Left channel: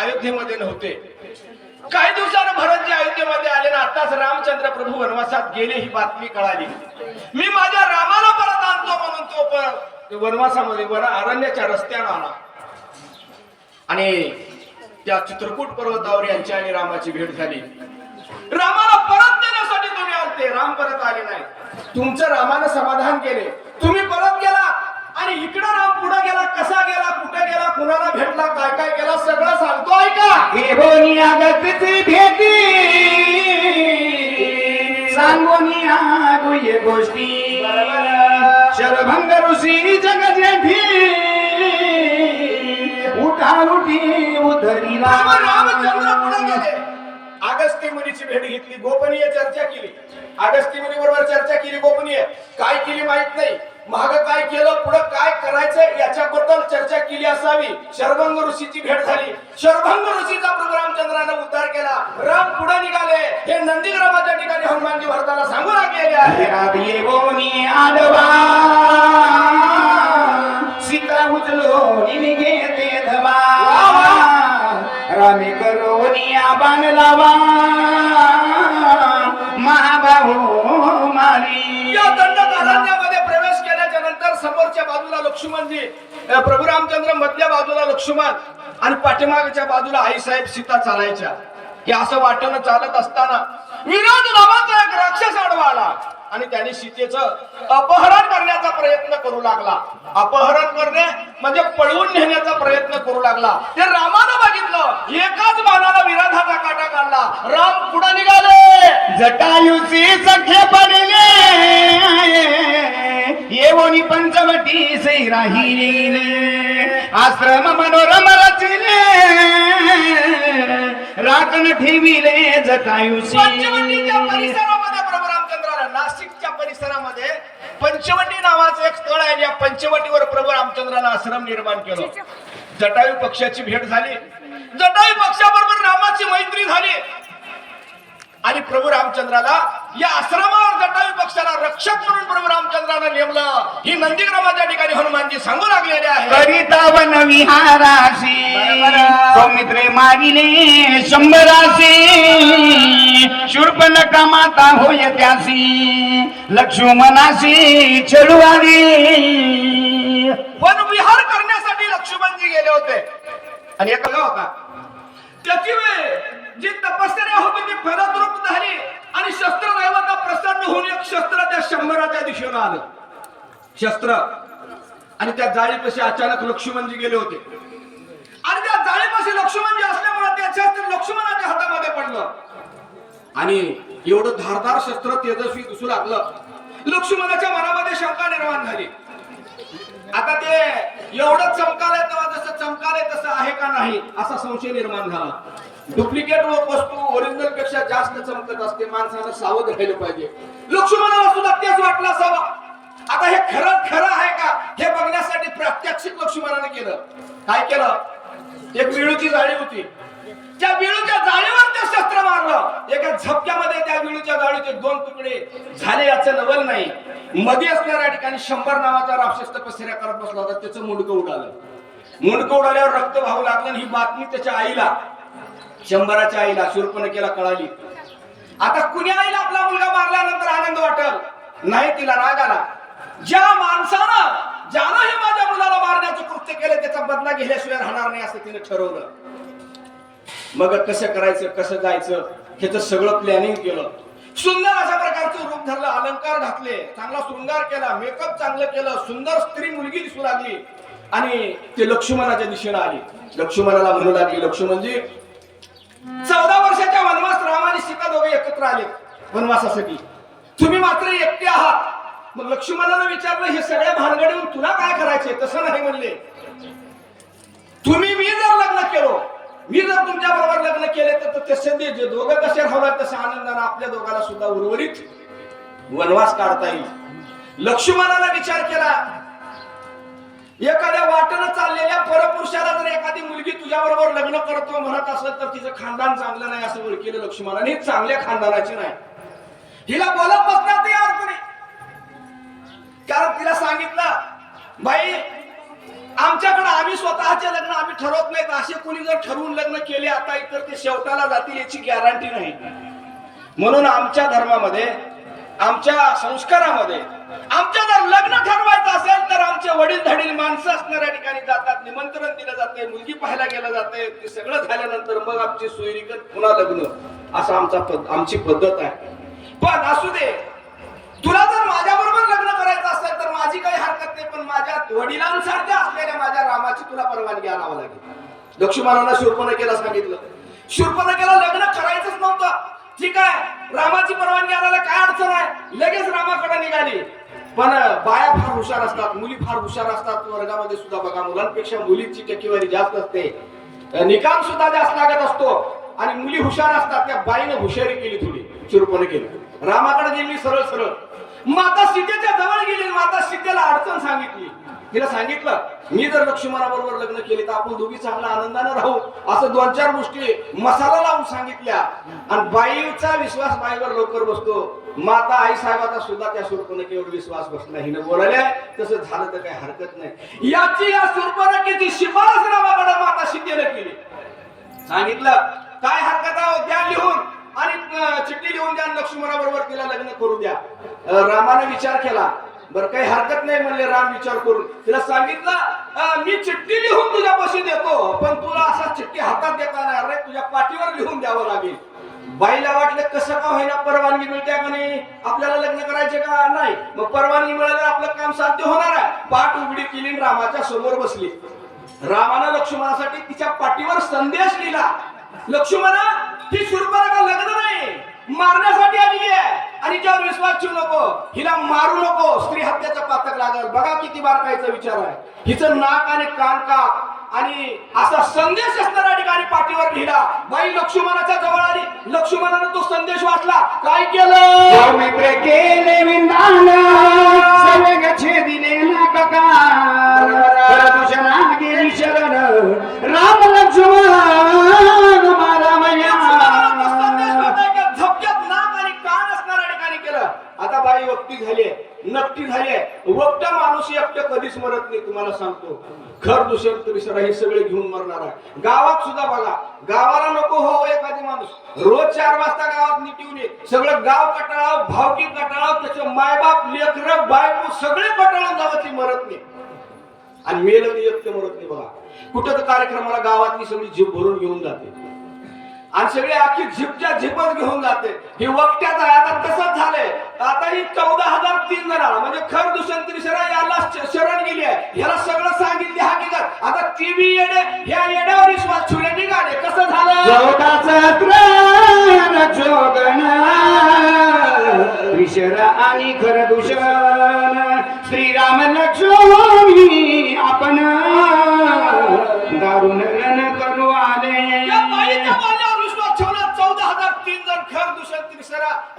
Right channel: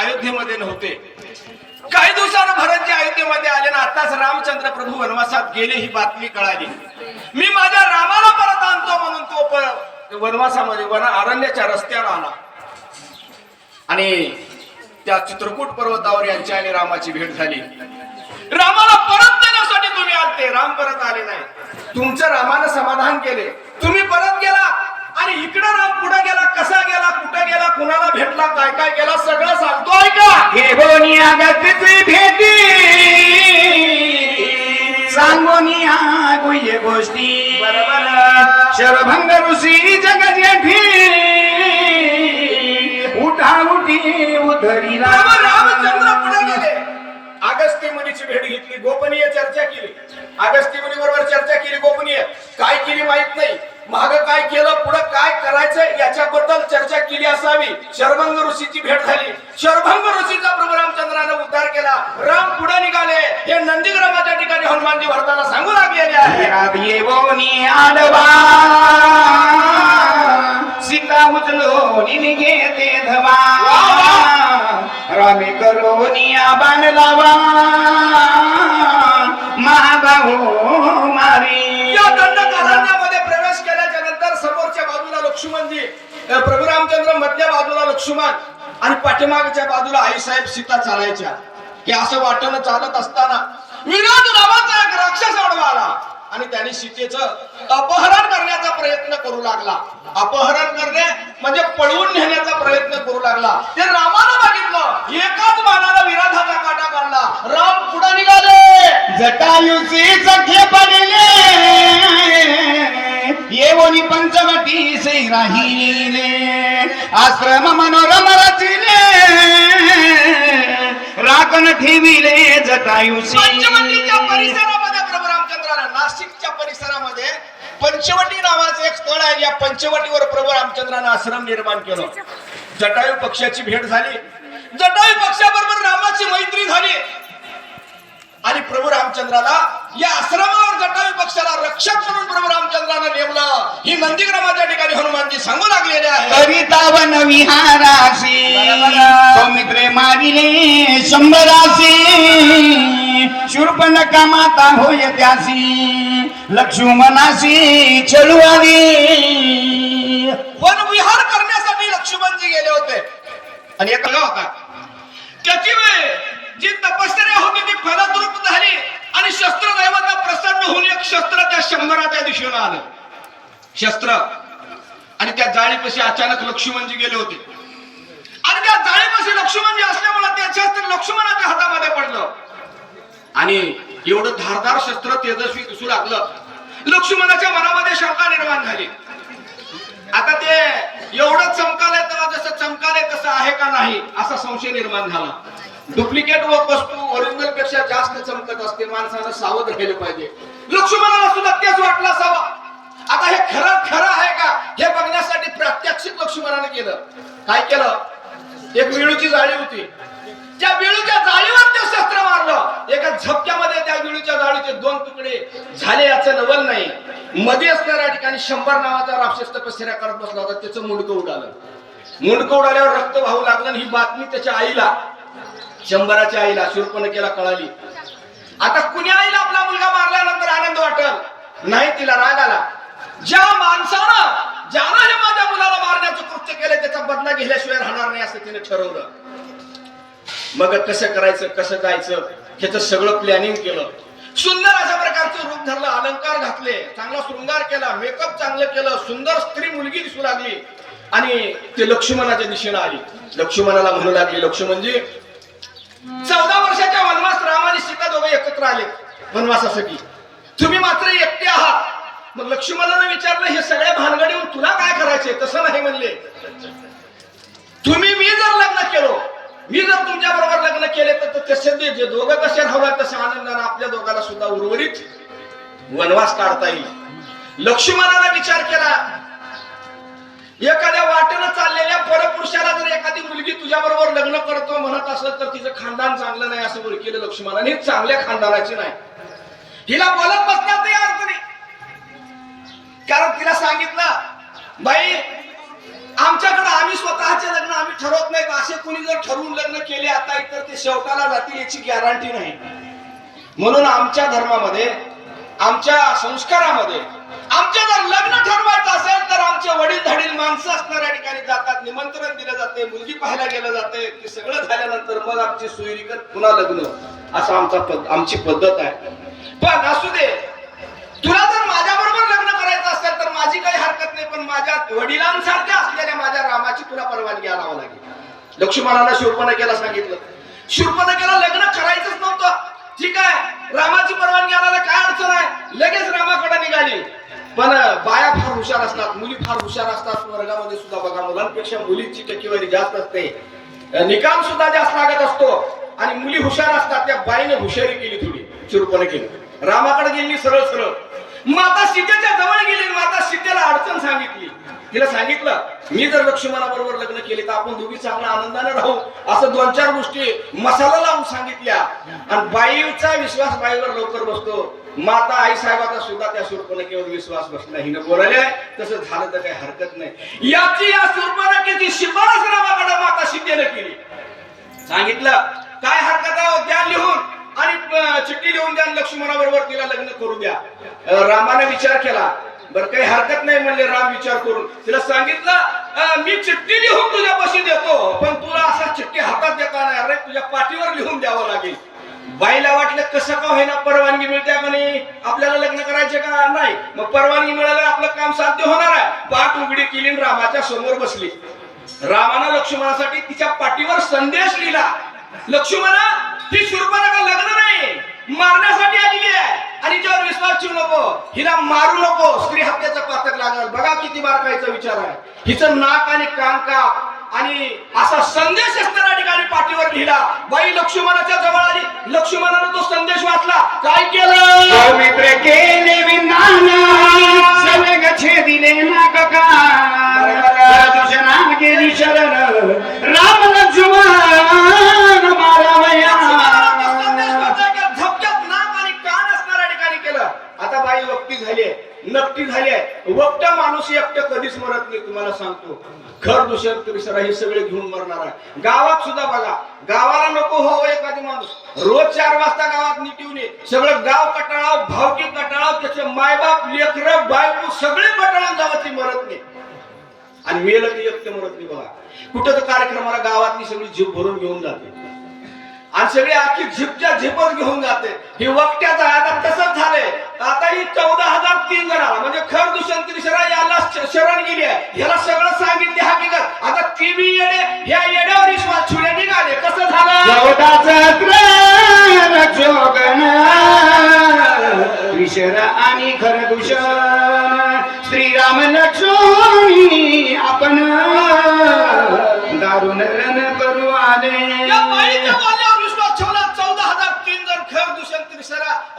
अयोध्येमध्ये नव्हते. काही दिवसानं भरतजी अयोध्येमध्ये आले ना आताच रामचंद्र प्रभू वनवासात गेले ही बातमी कळाली. मी माझ्या रामाला परत आणतो म्हणून तो वनवासामध्ये अरण्याच्या रस्त्यानं आला आणि त्या चित्रकूट पर्वतावर यांची आणि रामाची भेट झाली. रामाला परत देण्यासाठी तुम्ही आलते, राम परत आले नाही. तुमचं रामानं समाधान केले, तुम्ही परत गेला आणि इकडे राम पुढे गेला, कसा गेला, कुठे गेला, कुणाला भेटला, काय काय केला सगळं सांगतो ऐका. घेऊन अगतिची भेटी सांगून गुह्य गोष्टी शरभंग ऋषी जगजेठी उठा उठी उधरीला. रामचंद्र पुढे गेले, अगस्त्य मुनीची भेट घेतली, गोपनीय चर्चा केली. अगस्त्य मुनी बरोबर चर्चा केली, गोपनीय काय केली माहित नाही, माग काय केलं, पुढे काय करायचं याच्याबद्दल चर्चा केली असावी. शरभंग ऋषीची भेट झाली, शरभंग ऋषीचा प्रभू रामचंद्राने उद्धार केला. राम पुढे निघाले, हे नंदीग्रामाच्या ठिकाणी हनुमानजी भरताना सांगू लागलेले आहे. येवोनी आडवा सीता उचलो घेते धवा रामे करोनिया बाण लावा महाबाहू मारी. या दंडकारण्यामध्ये प्रवेश केल्याच्या नंतर समोरच्या बाजूला लक्ष्मणजी, प्रभू रामचंद्र मधल्या बाजूला लक्ष्मण आणि पाठीमागच्या बाजूला आईसाहेब सीता चालायच्या. हे असं वाटणं चालत असताना विराट नावाचा एक राक्षस आडवा आला आणि त्याने सीतेचं अपहरण करण्याचा प्रयत्न करू लागला. अपहरण करणे म्हणजे पळवून नेण्याचा प्रयत्न करू लागला. ते रामानं बघितलं, एकाच बाणाला विराधाचा काटा काढला. राम पुढे निघाले, जटायुची सख्य पडले येवोनी पंचवटी सै राहिले आश्रम मनोरम रचिले राखण ठेविले जटायुची. पंचवटीच्या परिसरामध्ये प्रभू रामचंद्राला, नाशिकच्या परिसरामध्ये पंचवटी नावाचं एक स्थळ आहे. या पंचवटीवर प्रभू रामचंद्रानं आश्रम निर्माण केलं. जटायू पक्षाची भेट झाली, जटायू पक्षाबरोबर रामाची मैत्री झाली आणि प्रभू रामचंद्राला या आश्रमावर जटायू पक्षाला रक्षक म्हणून प्रभू रामचंद्रानं नेमलं. ही नंदीग्रामाच्या ठिकाणी हनुमानजी सांगू लागलेले आहे. करिता वन विहारासी सौमित्रे मारिले शंभरासी शूर्पणखा माता होय त्यासी लक्ष्मणासी छळवादी. वन विहार करण्यासाठी लक्ष्मणजी गेले होते आणि एक होता त्याची वेळ जी तपश्चर्या होती ती फलद्रूप झाली आणि शस्त्र दैवता प्रसन्न होऊन एक शस्त्र त्या शंभराच्या दिशेनं आलं. शस्त्र आणि त्या जाळीपाशी अचानक लक्ष्मणजी गेले होते आणि त्या जाळीपाशी लक्ष्मणजी असल्यामुळे त्या शस्त्र लक्ष्मणाच्या हातामध्ये पडलं आणि एवढं धारदार शस्त्र तेजस्वी दिसू लागलं. लक्ष्मणाच्या मनामध्ये शंका निर्माण झाली. आता ते एवढं चमकालंय तेव्हा जसं चमकालंय तसं आहे का नाही असा संशय निर्माण झाला. डुप्लिकेट वस्तू ओरिजिनल पेक्षा जास्त चमकत असते, माणसानं सावध राहिलं पाहिजे. लक्ष्मणाला सुद्धा तेच वाटलं असावं. आता हे खरं आहे का हे बघण्यासाठी प्रात्यक्षिक लक्ष्मणाने केलं. काय केलं, एक विळूची जाळी होती, त्या विळूच्या जाळीवर ते शस्त्र मारलं. एका झपक्यामध्ये त्या विळूच्या जाळीचे 2 तुकडे झाले याचं नवल नाही. मध्ये असणाऱ्या ठिकाणी 100 नावाचा राक्षस तपश्चर्या करत बसला होता, त्याचं मुंडकं उडालं. मुंडकं उडाल्यावर रक्त वाहू लागलं आणि ही बातमी त्याच्या आईला, शंभराच्या आईला, शूर्पणखेला कळाली. आता कुण्या आईला आपला मुलगा मारल्यानंतर आनंद वाटल नाही, तिला राग आला. ज्या माणसानं ज्यानं हे माझ्या मुलाला मारण्याचं कृत्य केलं त्याचा बदला घेतल्याशिवाय राहणार नाही असं तिने ठरवलं. मग कसं करायचं, कसं जायचं ह्याचं सगळं प्लॅनिंग केलं. सुंदर अशा प्रकारचं रूप धरलं, अलंकार घातले, चांगला शृंगार केला, मेकअप चांगलं केलं, सुंदर स्त्री मुलगी दिसू लागली आणि ते लक्ष्मणाच्या दिशेनं आली. लक्ष्मणाला म्हणू लागली, लक्ष्मणजी 14 वर्षाच्या वनवास राम आणि सीता दोघे एकत्र आले वनवासासाठी, तुम्ही मात्र एकटे आहात. मग लक्ष्मणाने विचारलं, हे सगळ्या भानगडीहून तुला काय करायचे? तसं नाही म्हणले, तुम्ही मी जर लग्न केलो, मी जर तुमच्या बरोबर लग्न केले तर तसे जे दोघं कसे राहणार तसं आनंदाने आपल्या दोघांना सुद्धा उर्वरित वनवास काढता येईल. लक्ष्मणाने विचार केला, एखाद्या वाटेनं चाललेल्या परपुरुषाला जर एखादी मुलगी तुझ्या बरोबर लग्न करतो म्हणत असलं तर तिचं खानदान चांगलं नाही असं ओळखलं लक्ष्मणाने. चांगल्या खानदानाची नाही, हिला बोलत बसणार नाही अर्थ नाही. कारण तिला सांगितलं, बाई आमच्याकडे आम्ही स्वतःचे लग्न आम्ही ठरवत नाहीत. असे कोणी जर ठरवून लग्न केले आता तर ते शेवटाला जातील याची गॅरंटी नाही. म्हणून आमच्या धर्मामध्ये, आमच्या संस्कारामध्ये आमच्या जर लग्न ठरवायचं असेल तर आमचे वडील धाडील माणसं असणाऱ्या ठिकाणी जातात, निमंत्रण दिलं जाते, मुलगी पाहायला गेलं जाते. ते सगळं झाल्यानंतर मग आमची सोयरीकर पुन्हा लग्न, असं आमची पद्धत आहे. पण असू दे, तुला जर माझ्या बरोबर लग्न करायचं असेल तर माझी काही हरकत नाही, पण माझ्या वडिलांसारख्या असलेल्या माझ्या रामाची तुला परवानगी आणावं लागेल. लक्ष्मणाला शूर्पणखेला सांगितलं, शूर्पणखेला लग्न करायचंच नव्हतं. ठीक आहे, रामाची परवानगी आणायला काय अडचण आहे, लगेच रामाकडे निघाली. पण बाया फार हुशार असतात, मुली फार हुशार असतात. वर्गामध्ये सुद्धा बघा, मुलांपेक्षा मुलींची टक्केवारी जास्त असते, निकाल सुद्धा जास्त लागत असतो. आणि मुली हुशार असतात. त्या बाईने हुशारी केली थोडी, शूर्पणखेला रामाकडे गेली सरळ सरळ. माता सीतेच्या जवळ गेली, माता सीतेला अडचण सांगितली. तिला सांगितलं, मी जर लक्ष्मणाबरोबर लग्न केले तर आपण दोघी चांगल्या आनंदाने राहू, असं 2-4 गोष्टी मसाला लावून सांगितल्या. आणि बाईचा विश्वास बाईवर लवकर बसतो. माता आई साहेबाचा सुद्धा त्या शूर्पणखेवर विश्वास बसला. हिनं बोलायला तसं झालं तर काही हरकत नाही. याची या शूर्पणखेची शिफारस रामाकडे माता सीतेने केली. सांगितलं, काय हरकत आहे, द्या लिहून, आणि चिठ्ठी लिहून द्या, लक्ष्मणाबरोबर तिला लग्न करू द्या. रामाने विचार केला, बरं काही हरकत नाही म्हणले राम विचार करून. तिला सांगितलं, मी चिठ्ठी लिहून तुझ्यापाशी देतो, पण तुला असा चिठ्ठी हातात देता नाही, अरे तुझ्या पाठीवर लिहून द्यावं लागेल. बाईला वाटलं कसं का होईना परवानगी मिळते का नाही, आपल्याला लग्न करायचे का नाही. मग परवानगी मिळाल्यावर आपलं काम साध्य होणार आहे. पाठ उघडी केली, रामाच्या समोर बसली. रामानं लक्ष्मणासाठी तिच्या पाठीवर संदेश लिहिला, लक्ष्मणा, ही शूर्पणखा लग्न नाही, मारण्यासाठी आली आहे, आणि ज्यावर विश्वास ठेवू नको, हिला मारू नको, स्त्री हत्याचं पातक लागल. बघा किती बारकाईचा विचार आहे. हिचं नाक आणि कान काप, आणि असा संदेश असणाऱ्या ठिकाणी पाठीवर लिहिला. बाई लक्ष्मणाच्या जवळ आली, लक्ष्मणानं तो संदेश वाचला. काय केलं, मित्र केले विंदान सलग छेदिले ना कका, तुझ्या नाम गेली शरण राम लक्ष्मण मारामया. झपक्यात नाक आणि कान असणाऱ्या ठिकाणी केलं. आता बाई वक्ती झाली, नक्की झाली. वक्त माणूस एकटं कधीच मरत नाही, तुम्हाला सांगतो. घर दुसरं त्रिसरा हे सगळे घेऊन मरणार आहे. गावात सुद्धा बघा, गावाला नको हो एखादी माणूस रोज 4 वाजता गावात निटून ये, सगळं गाव कटाळाव, भावकी कटाळाव, त्याचे मायबाप, लेकरं, बायको सगळे कटाळून जावं, ती मरत नाही. आणि मेलं की एकटं मरत नाही. बघा, कुठं तर कार्यक्रमाला गावातली सगळी जीभ भरून घेऊन जाते, आणि सगळे आखी झिपच्या झिपच घेऊन जाते. हे वक्त्याचं आहे. आता तसंच झालंय. आता ही 14,003 जणाला म्हणजे खर दुष्यंत त्रिशरा याला शरण गेली आहे, ह्याला सगळं सांगितले हकीकत. आता टीव्ही येडे, ह्या येड्यावर विश्वास ठेवले निघाले. कसं झालं, 14 जोगन त्रिशरा आणि खर दूषण, श्रीराम लक्ष्मी आपण दारुण रण करू आले.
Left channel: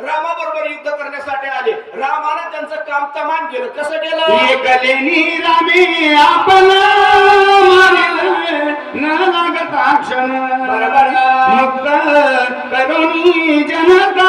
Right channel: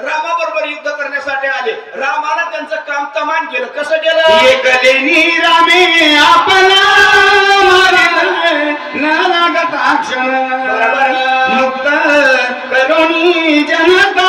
रामाबरोबर युद्ध करण्यासाठी आले. रामानं त्यांचं काम तमाम केलं. कसं केलं, एकलेनी रामे आपला न लागता क्षण, मुक्त करुणी जनता